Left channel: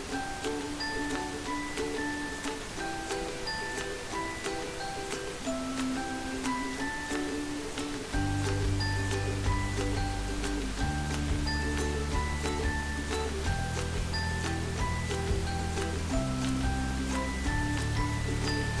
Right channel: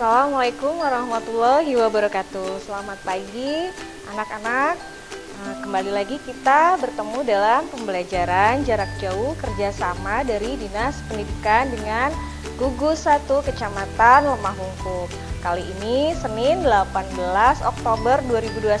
Assalamualaikum warahmatullahi wabarakatuh. Selamat pagi anak-anak. Kembali lagi kita bertemu dalam pembelajaran jarak jauh kerjasama dari Dinas Pendidikan dengan Gugus 1 Kecamatan Lemah Hungkuk. Kali ini Senin 18 Oktober 2021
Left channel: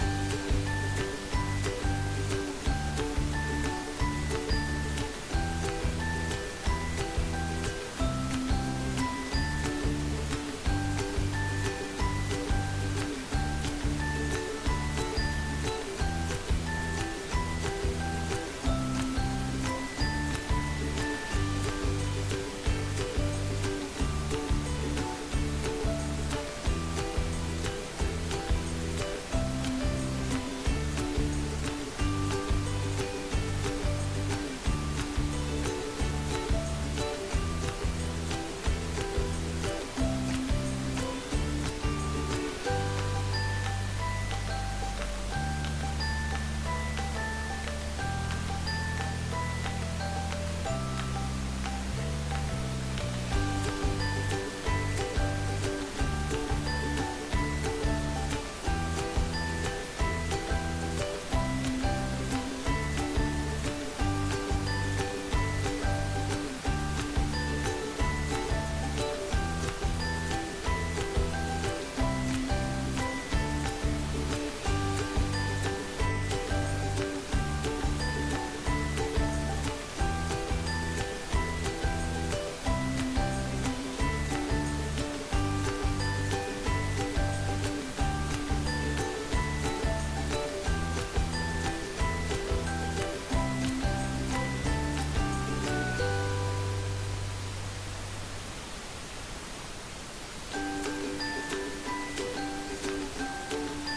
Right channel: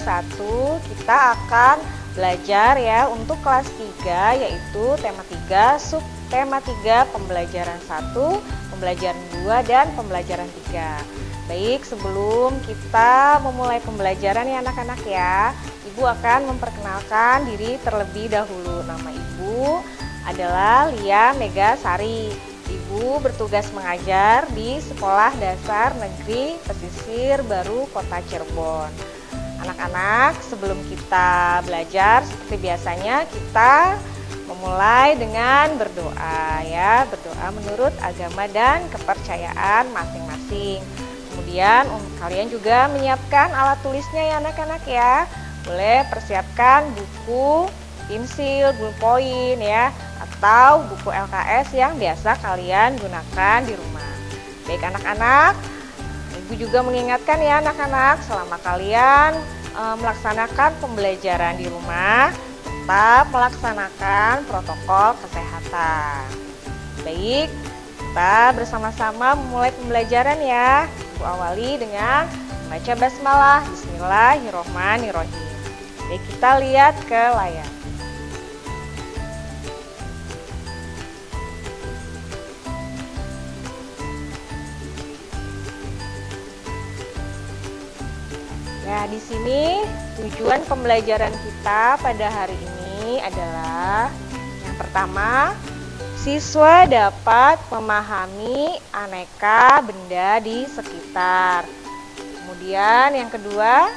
kita akan belajar ya untuk kelas 3, yaitu tema 3, subtema 3, pembelajaran 1, pembelajaran 2, dan pembelajaran 3. Baik, sebelum kita memulai pembelajaran ya anak-anak ya, Ibu akan memperkenalkan diri terlebih dahulu. Nama Ibu adalah Lia Megasari. Ibu bertugas mengajar di Sekolah Dasar Negeri Pesisir Baru Kota Cirebon. Anak-anak, sebelum kita belajar seperti biasanya kita memulai dengan berdoa ya, berdoa menurut agama dan kepercayaan masing-masing. Kemudian kalian juga menyiapkan alat tulisnya ya anak-anak ya. Boleh persiapkan buku, pensil, ballpoint ya, atau buku LKS yang biasa kalian gunakan di rumah. Baik anak-anak, Ibu juga mengingatkan ya anak-anak, selama kalian melaksanakan pembelajaran di rumah, tetap melaksanakan protokol kesehatan. Baik, kita bersama-sama memulai pembelajaran ya. Ibu awali dengan baca basmalah. Bismillahirrohmanirrohim. Baik, kita lihat ke layar. Ya, di sini tujuan pembelajaran kita pada hari ini adalah yang pertama, siswa dapat memahami aneka benda di sekitar. Kemudian yang kedua,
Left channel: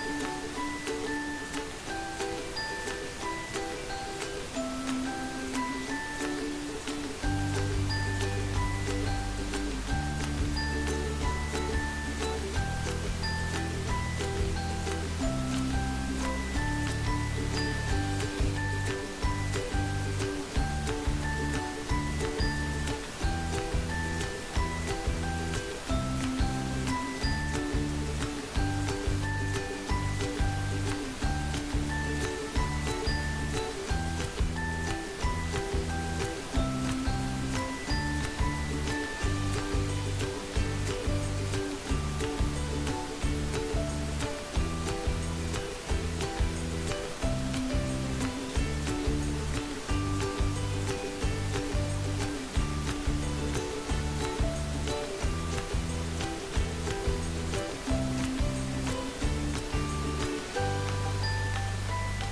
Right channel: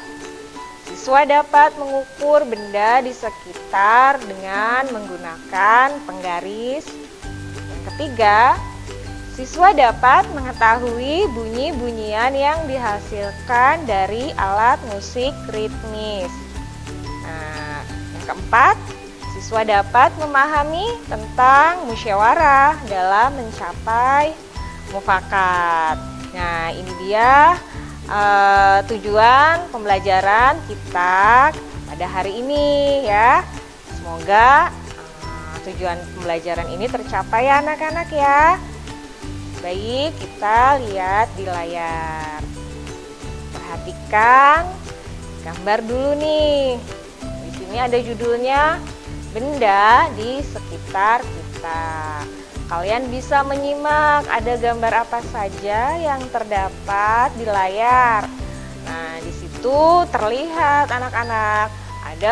siswa dapat mengukur benda di sekitar dengan menggunakan penggaris. Yang ketiga, siswa dapat mengetahui bunyi-bunyian yang dihasilkan dari alat musik ritmis. Nah, yang keempat, siswa dapat memahami tentang musyawarah dalam mencapai mufakat. Nah, ini dia tujuan pembelajaran kita pada hari ini ya. Semoga tujuan pembelajaran ini tercapai ya anak-anak ya. Baik, kita lihat di layar. Perhatikan gambar dulu nih. Di sini ada judulnya benda di sekitar kita. Kalian bisa menyimak ada gambar apa saja yang terdapat di layar. Nah, di situ terlihat anak-anak ada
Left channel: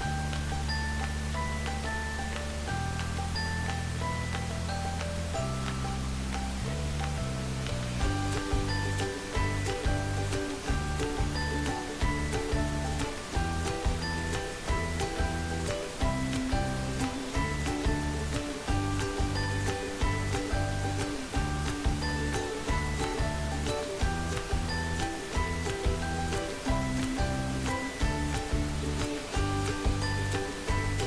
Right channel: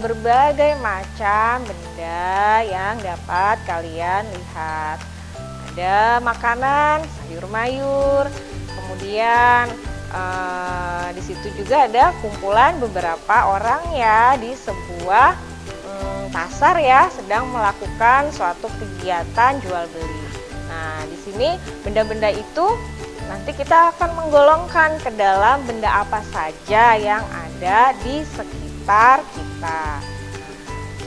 berbagai macam benda yang dapat kalian lihat. Ada makanan, sayur mayur, kemudian di situ juga ada kumpulan beberapa orang ya di sebuah pasar ya, sedang melakukan suatu kegiatan jual beli. Nah, di sini benda-benda itu nanti kita akan menggolongkan ke dalam benda apa saja yang ada di sekitar kita.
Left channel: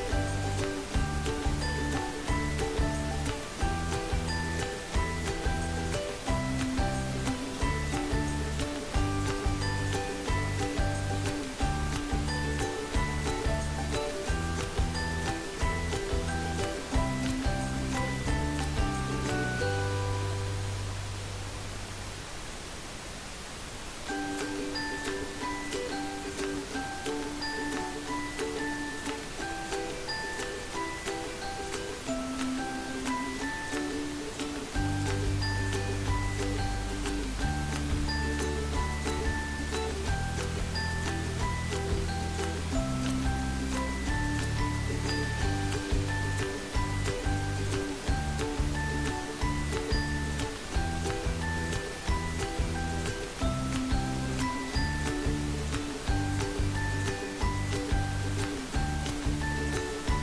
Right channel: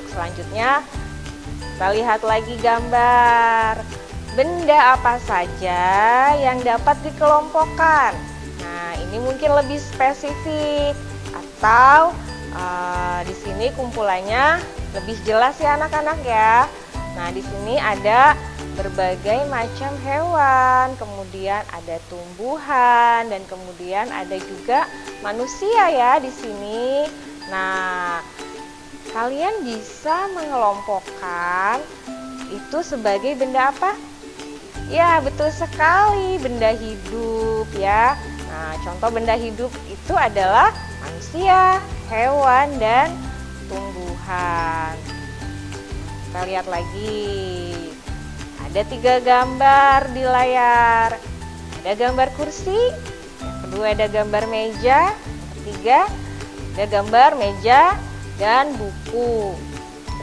Selanjutnya kita lihat lagi gambar. Benda apa saja yang dapat dikelompokkan. Nah, ini mungkin lebih spesifik atau di sini kumpulannya lebih jelas ya anak-anak ya. Nah, di sini ada berbagai macam hewan, kemudian ada tumbuhan, dan kemudian ada juga manusia ya di sini. Nah, kalian bisa mengelompokkan itu sebagai benda apa? Ya, betul sekali, benda hidup ya. Nah, contoh benda hidup itu adalah manusia, hewan, dan tumbuhan. Kita lihat lagi. Ada 3 gambar di layar. Ada gambar kursi, kedua ada gambar meja, ketiga ada gambar meja dan buku.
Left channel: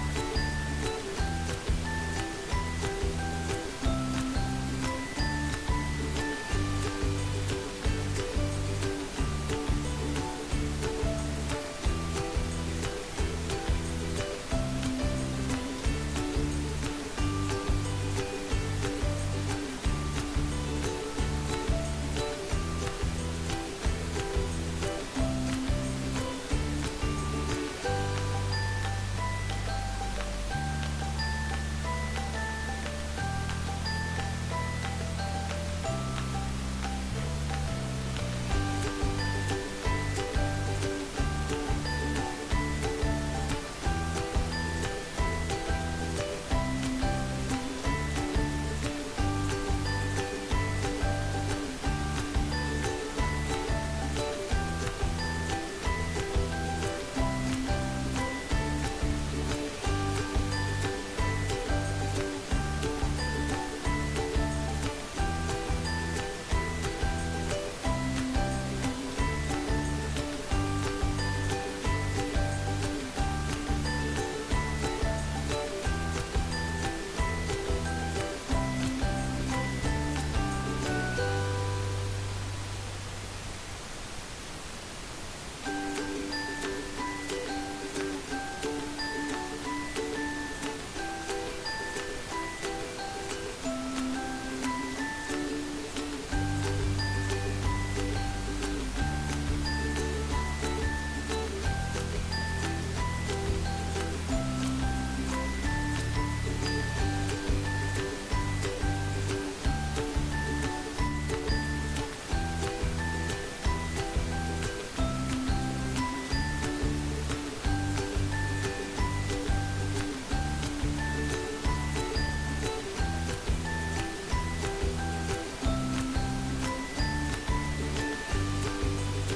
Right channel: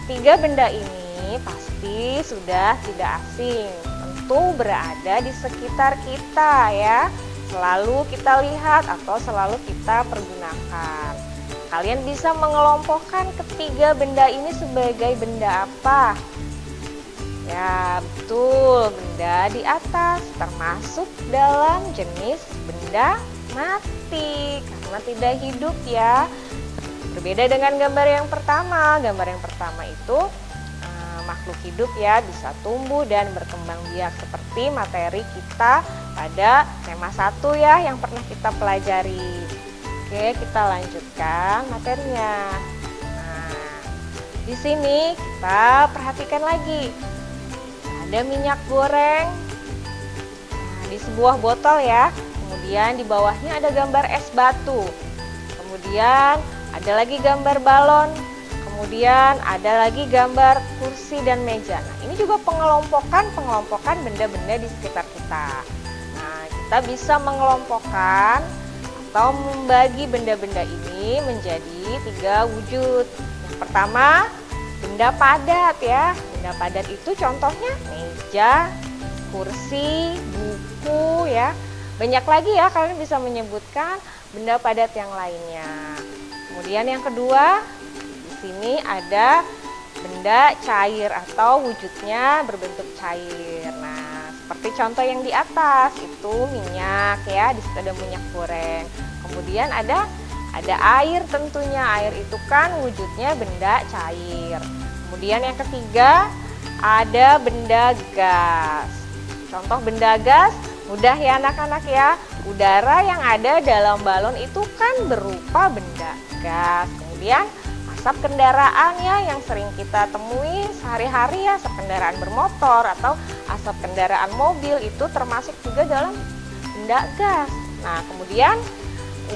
Ketiga benda ini pasti sudah tidak asing, tentu berada di sekitar kita ya. Selalu kita lihat atau selalu kita pergunakan. Kalian bisa mengelompokkan ketiga benda ini sebagai benda apa? Ya, betul, benda di atas termasuk dalam jenis benda mati karena tidak hidup ya. Berbeda dengan gambar yang pertama. Gambar yang pertama itu makhluk hidup ya, bisa tumbuh dan berkembang biak seperti materi kita pada tema 1 ya yang pernah kita pelajari. Oke, kita lanjutkan materinya. Nah, di sini kita perhatikan lagi. Ada minyak goreng di sebuah botol ya. Kemudian di bawahnya ada gambar es batu. Kemudian ada lagi gambar balon. Kemudian ada lagi gambar kursi dan meja. Nah, ini juga pengelompokan benda-benda di sekitar kita. Nah, kita bisa mengelompokkan atau membagi benda-benda ini menjadi 3 wujud. Yang pertama, benda padat ya. Benda padat itu contohnya meja, kursi, buku ya. Banyak lagi ya, kalian bisa menyebutkan benda padat yang lainnya. Kemudian yang kedua, di sini ada benda cair atau wujudnya berbentuk cair. Nah, seperti contoh yang di atas itu minyak ya, di situ ada minyak goreng. Kemudian ada air tentunya. Air itu kan wujudnya benda cair. Kemudian yang ketiga ada benda gas. Contoh benda gas mudah ya anak-anak ya. Udara yang ada dalam balon itu kan berupa benda gas. Kemudian asap kendaraan ya yang sering kita temui sehari-hari ya, asap kendaraan bermotor atau asap kendaraan mobil itu termasuk juga dalam benda gas. Nah, kemudian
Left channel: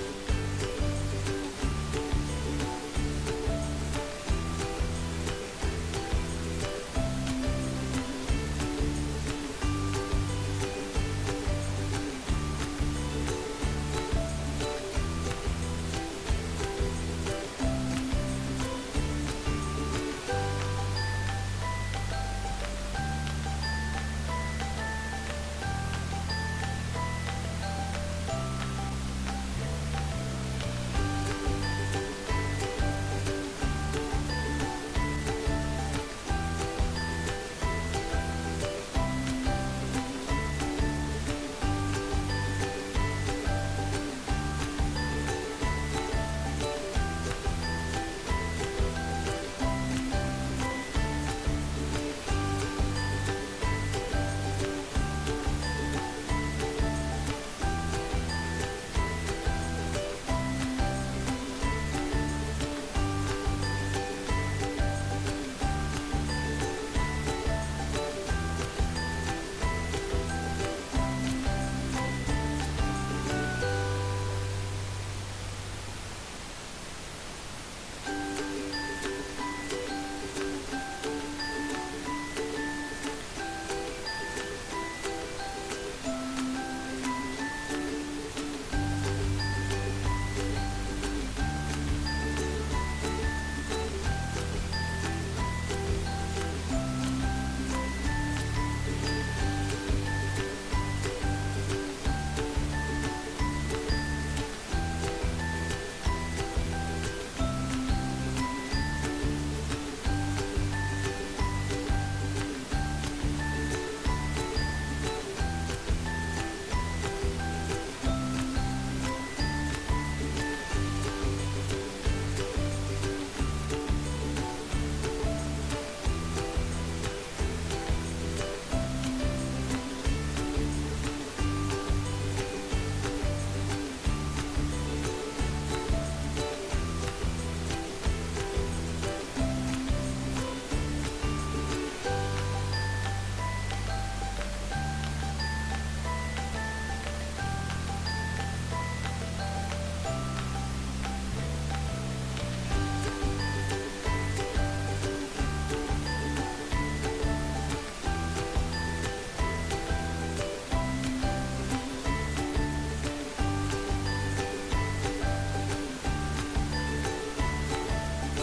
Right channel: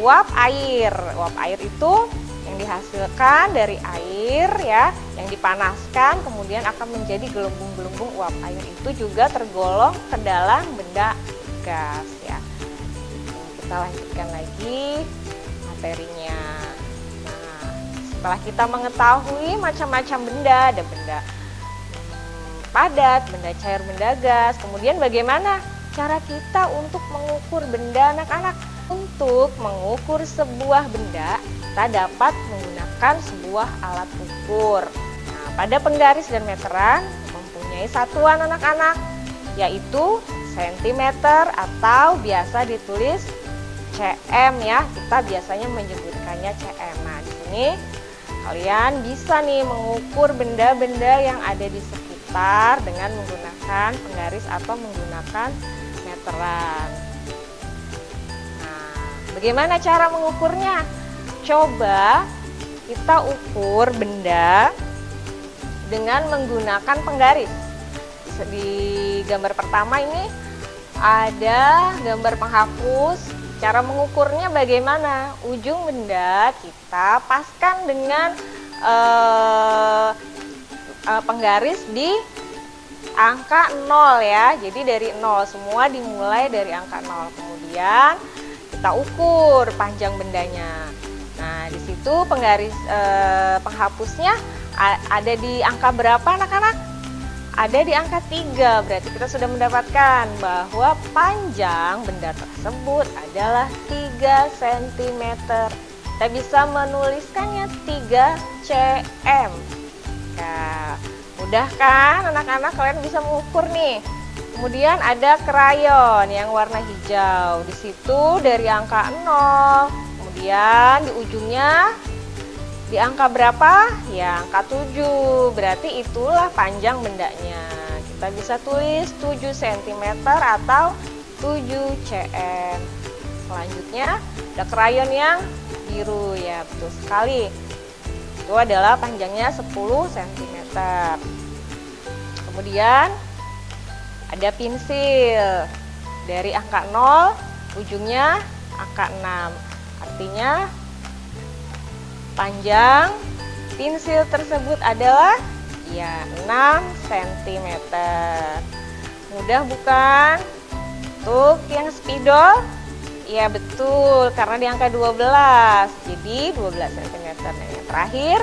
uap air. Uap air itu yang dihasilkan dari air ya, yang dipanaskan kemudian akan menjadi gelembung-gelembung uap air itu juga tergolong ke dalam benda gas ya. Kita lanjutkan lagi materinya. Nah, setelah kita mengetahui macam-macam benda, ada benda padat, benda cair, benda gas. Kemudian bagaimana cara kita untuk mengukur benda anak-anak? Untuk mengukur sebuah benda, kita dapat menggunakan sebuah alat ukur. Nah, pada penggaris dan meteran mempunyai satuan anak-anak, yaitu sentimeter atau biasa ditulis cm ya. Kita biasanya menyebutkannya cm. Nah, di sini kalian bisa nih mengukur benda-benda yang ada di sekitar dengan menggunakan penggaris atau menggunakan meteran. Bagaimana cara mengukurnya? Coba kita ukur benda dengan menggunakan penggaris. Di gambar pertama ini ada gambar penghapus. Cara mengukurnya bagaimana? Ujung benda kita paskan dengan penggaris di angka 0 ya. Jadi dari 0, semua dimulai dari angka 0. Kemudian kita ukur panjang bendanya. Nah, di situ penggaris penghapusnya ada di angka berapa anak-anak? Ada di angka 3. Berarti kita sudah mendapatkan bahwa panjang benda tersebut adalah 3 cm. Kita bisa menuliskannya 3 cm. Nah, mudah kan anak-anak, kalian bisa mengukur nih. Kemudian ada krayon yang warna hijau. Di situ dari angka 0. Kemudian di ujungnya di angka berapa? Ya, angka 7. Berarti itulah panjang bendanya. Kita bisa tulis 7 cm atau 7 cm. Selanjutnya ada krayon yang biru ya, betul sekali. Itu adalah panjangnya 10 cm. Kemudian ada pensil dari angka 0, ujungnya angka 6. Artinya panjang pensil tersebut adalah ya 6 cm. Mudah bukan? Untuk yang spidol, ya betul, karena di angka 12. Jadi 12 cm. Yang terakhir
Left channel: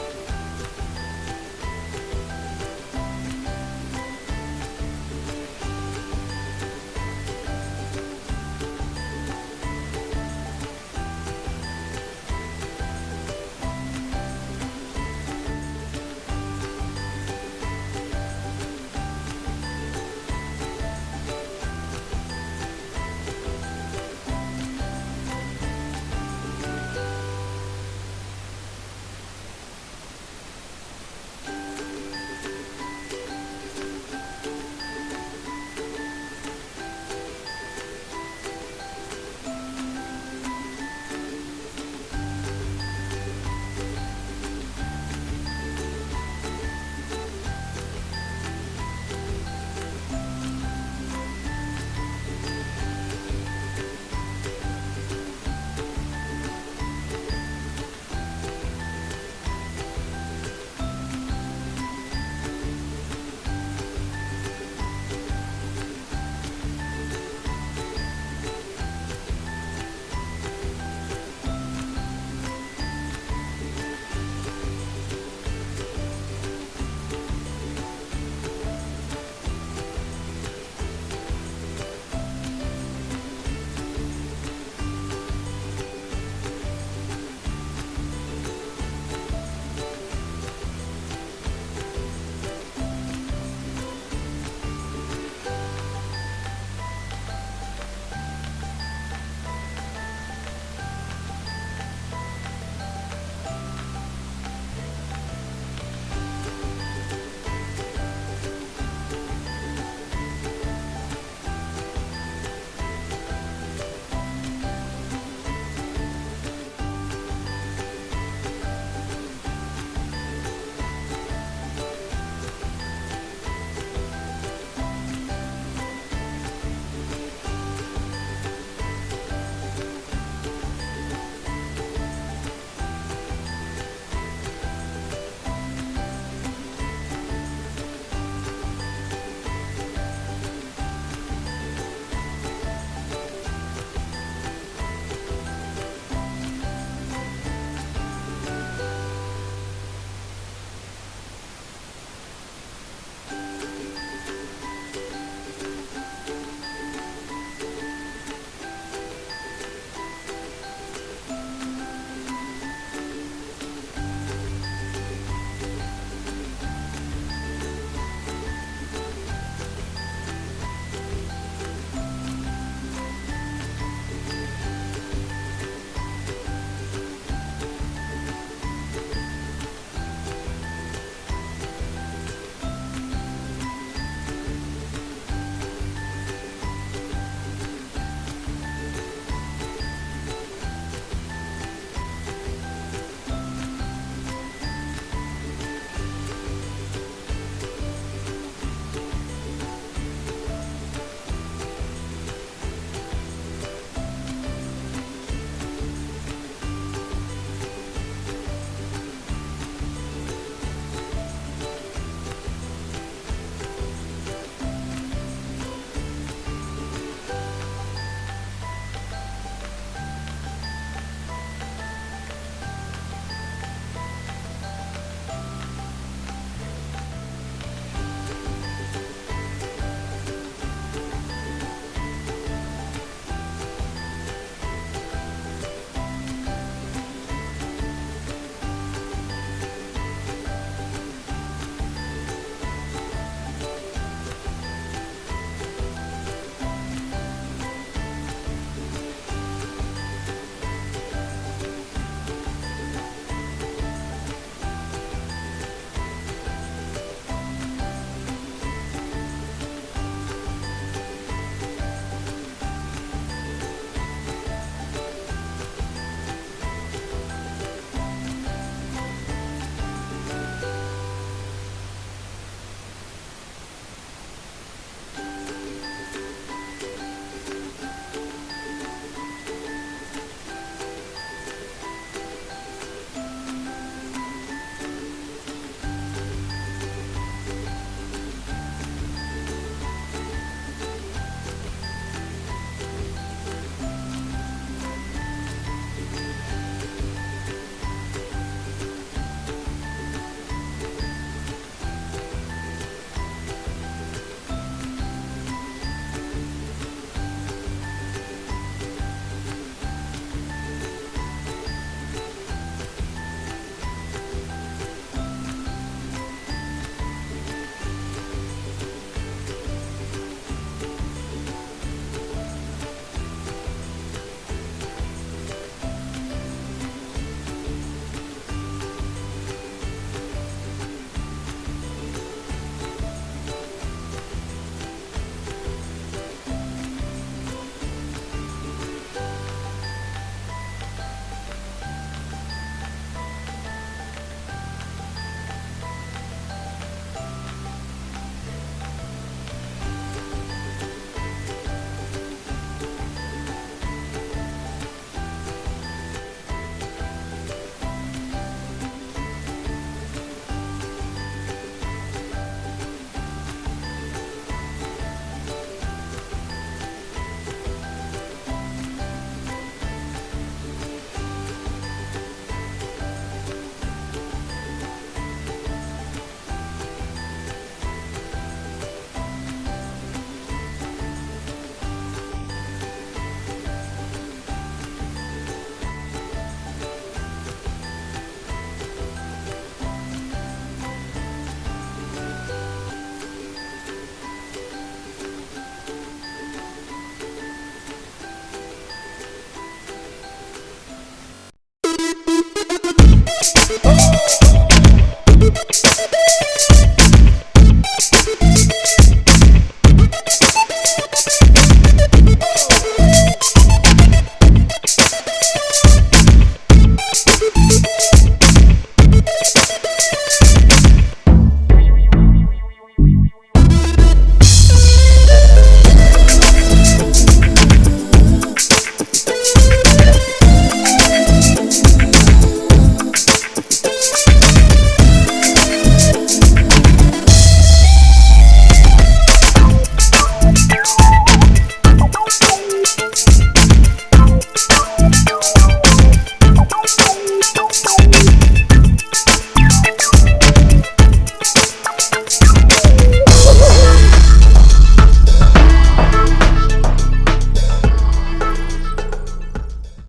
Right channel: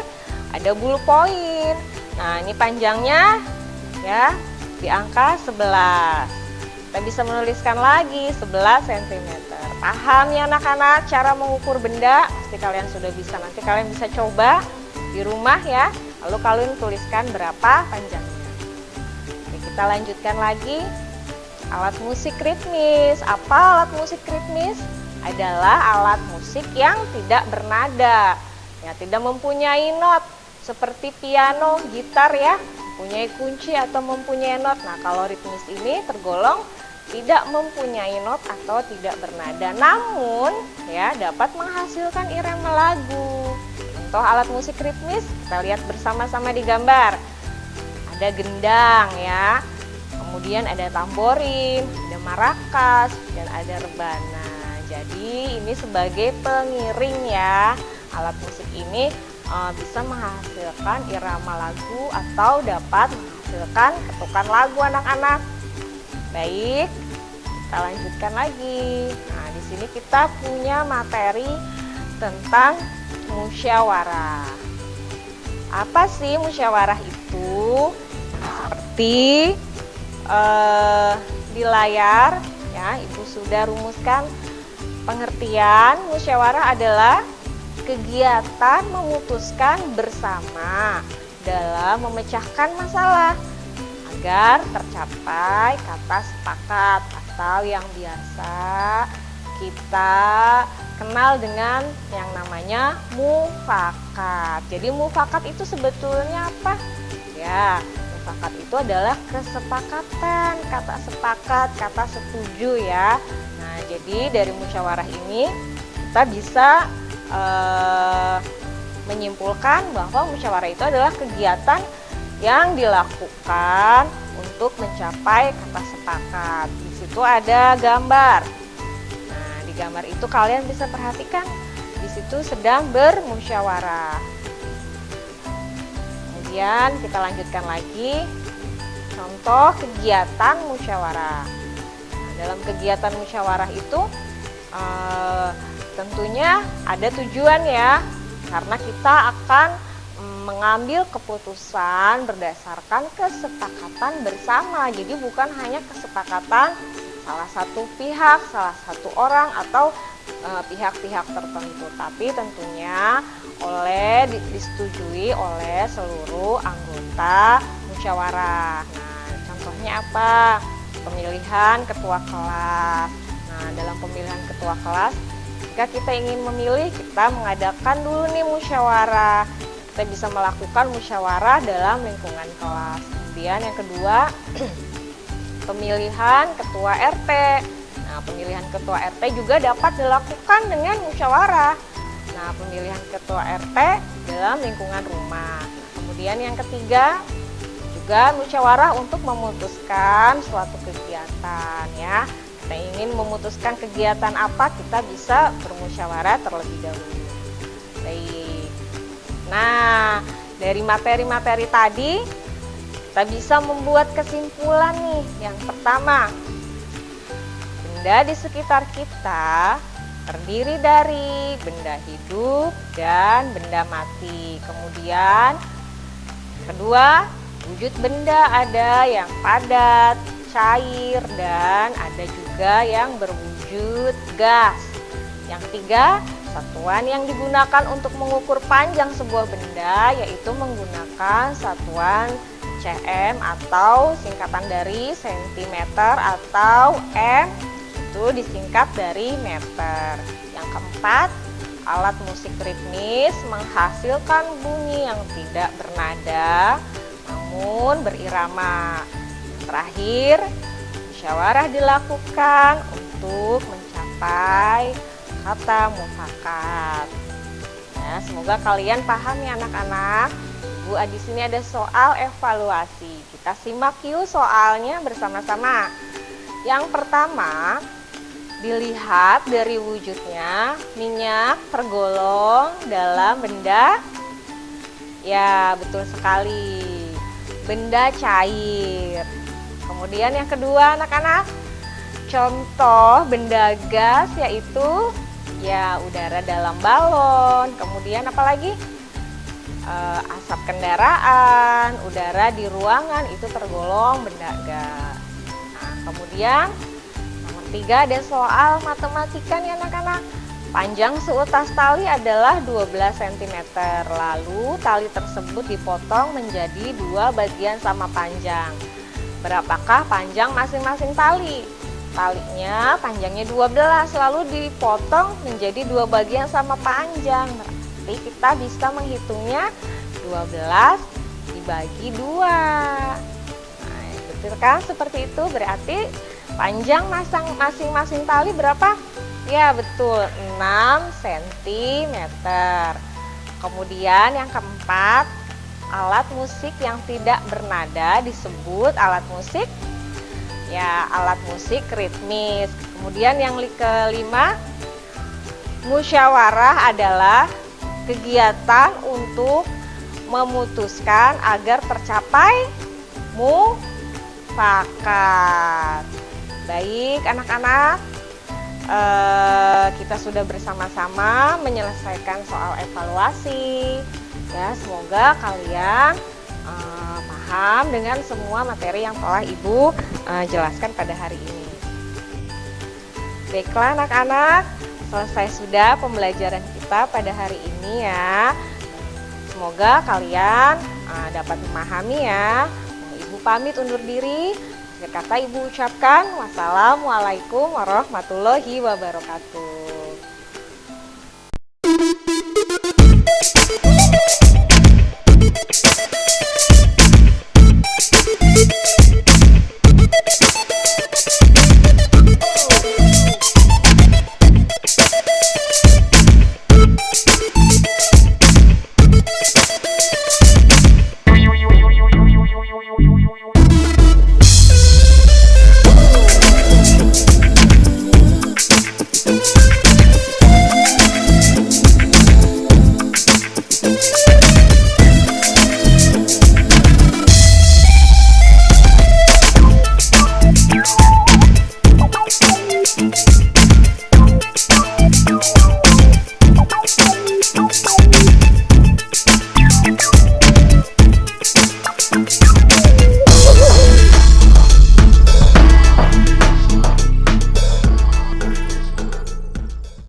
ada ballpoint. Nah, ini panjangnya ya di angka 11. Kita bisa menuliskan lagi 11 cm. Paham ya anak-anak cara mengukur benda? Pasti kalian sudah bisa. Nanti kalian bisa coba di rumah ya. Lalu kalian tuliskan berapa panjangnya. Kita lanjutkan lagi. Alat musik ritmis. Apa alat musik ritmis? Adalah alat musik yang tidak bernada, ya, tidak mempunyai not seperti piano, gitar ya, mempunyai kunci atau mempunyai not. Nah, kalau ritmis ini tergolong tidak mempunyai not atau tidak bernada, namun ya dapat menghasilkan irama lagu. Contoh alat musik ritmis kita lihat bersama-sama di gambar. Ada gendang ya, kemudian ada tamborin, ada marakas, dan ada rebana. Jadi ini sebagai pengiring ya. Alat musik ini bisa menghasilkan irama lagu atau dapat menghasilkan ketukan lagu anak-anak. Baik, kita lanjutkan lagi. Nah, di sini kita punya materi tentang musyawarah. Apa sih musyawarah itu? Seperti di layar ya, Ibu sudah rumuskan pengertian. Musyawarah adalah kegiatan memutuskan bersama dalam memecahkan masalah agar tercapai kata sepakat atau yang biasa kita kenal dengan yang namanya mufakat. Jadi mufakat itu sebetulnya apa? Ya, mufakat itu adalah kesepakatan, kata sepakat, kata setuju ya. Nah, jadi dari musyawarah ini kita bisa menyimpulkan bahwa musyawarah itu adalah kegiatan yang dilakukan untuk mencapai kata sepakat. Di situ ada gambar. Nah, di gambar itu kalian bisa perhatikan di situ sedang bermusyawarah. Kemudian kita lanjutkan lagi contoh kegiatan musyawarah. Nah, dalam kegiatan musyawarah itu tentunya ada tujuan ya, karena kita akan mengambil keputusan berdasarkan kesepakatan bersama. Jadi bukan hanya kesepakatan salah satu pihak, salah satu orang atau pihak-pihak tertentu, tapi tentunya disetujui oleh seluruh anggota musyawarah. Nah, contohnya apa? Pemilihan ketua kelas. Nah, dalam pemilihan ketua kelas, jika kita ingin memilih, kita mengadakan dulu nih musyawarah. Kita bisa melakukan musyawarah dalam lingkungan kelas. Kemudian yang kedua, pemilihan ketua RT. Nah, pemilihan ketua RT juga dapat dilakukan dengan musyawarah. Nah, pemilihan ketua RT dalam lingkungan rumah. Kemudian yang ketiga, juga musyawarah untuk memutuskan suatu kegiatan ya. Kita ingin memutuskan kegiatan apa, kita bisa bermusyawarah terlebih dahulu. Baik. Nah, dari materi-materi tadi kita bisa membuat kesimpulan nih. Yang pertama, benda di sekitar kita terdiri dari benda hidup dan benda mati. Kemudian kedua, wujud benda ada yang padat, cair, dan ada juga yang berwujud gas. Yang ketiga, satuan yang digunakan untuk mengukur panjang sebuah benda yaitu menggunakan satuan cm atau singkatan dari sentimeter, atau m itu disingkat dari meter. Yang keempat, alat musik ritmis menghasilkan bunyi yang tidak bernada namun berirama. Terakhir, musyawarah dilakukan untuk mencapai kata mufakat. Ya, semoga kalian paham ya anak-anak. Bu, di sini ada soal evaluasi. Kita simak yuk soalnya bersama-sama. Yang pertama, dilihat dari wujudnya, minyak tergolong dalam benda. Ya, betul sekali. Benda cair. Kemudian yang kedua anak-anak, contoh benda gas yaitu ya udara dalam balon. Kemudian apalagi? Asap kendaraan, udara di ruangan itu tergolong benda gas. Nah, kemudian yang ketiga ada soal matematika nih anak-anak. Panjang seutas tali adalah 12 cm. Lalu tali tersebut dipotong menjadi dua bagian sama panjang. Berapakah panjang masing-masing tali? Talinya panjangnya 12, lalu dipotong menjadi 2 bagian sama panjang. Nanti kita bisa menghitungnya 12 dibagi 2. Nah, betul kan? Seperti itu. Berarti panjang masing-masing tali berapa? Ya betul, 6 cm. Kemudian yang keempat, alat musik yang tidak bernada disebut alat musik, ya alat musik ritmis. Kemudian yang kelima, musyawarah adalah kegiatan untuk memutuskan agar tercapai mufakat. Baik anak-anak, kita sudah bersama-sama menyelesaikan soal evaluasi. Ya, semoga kalian paham dengan semua materi yang telah Ibu jelaskan pada hari ini. Baiklah anak-anak, selesai sudah pembelajaran kita pada hari ini ya. Semoga kalian dapat memahami ya. Nah, Ibu pamit undur diri. Kata Ibu ucapkan, wassalamualaikum warahmatullahi wabarakatuh.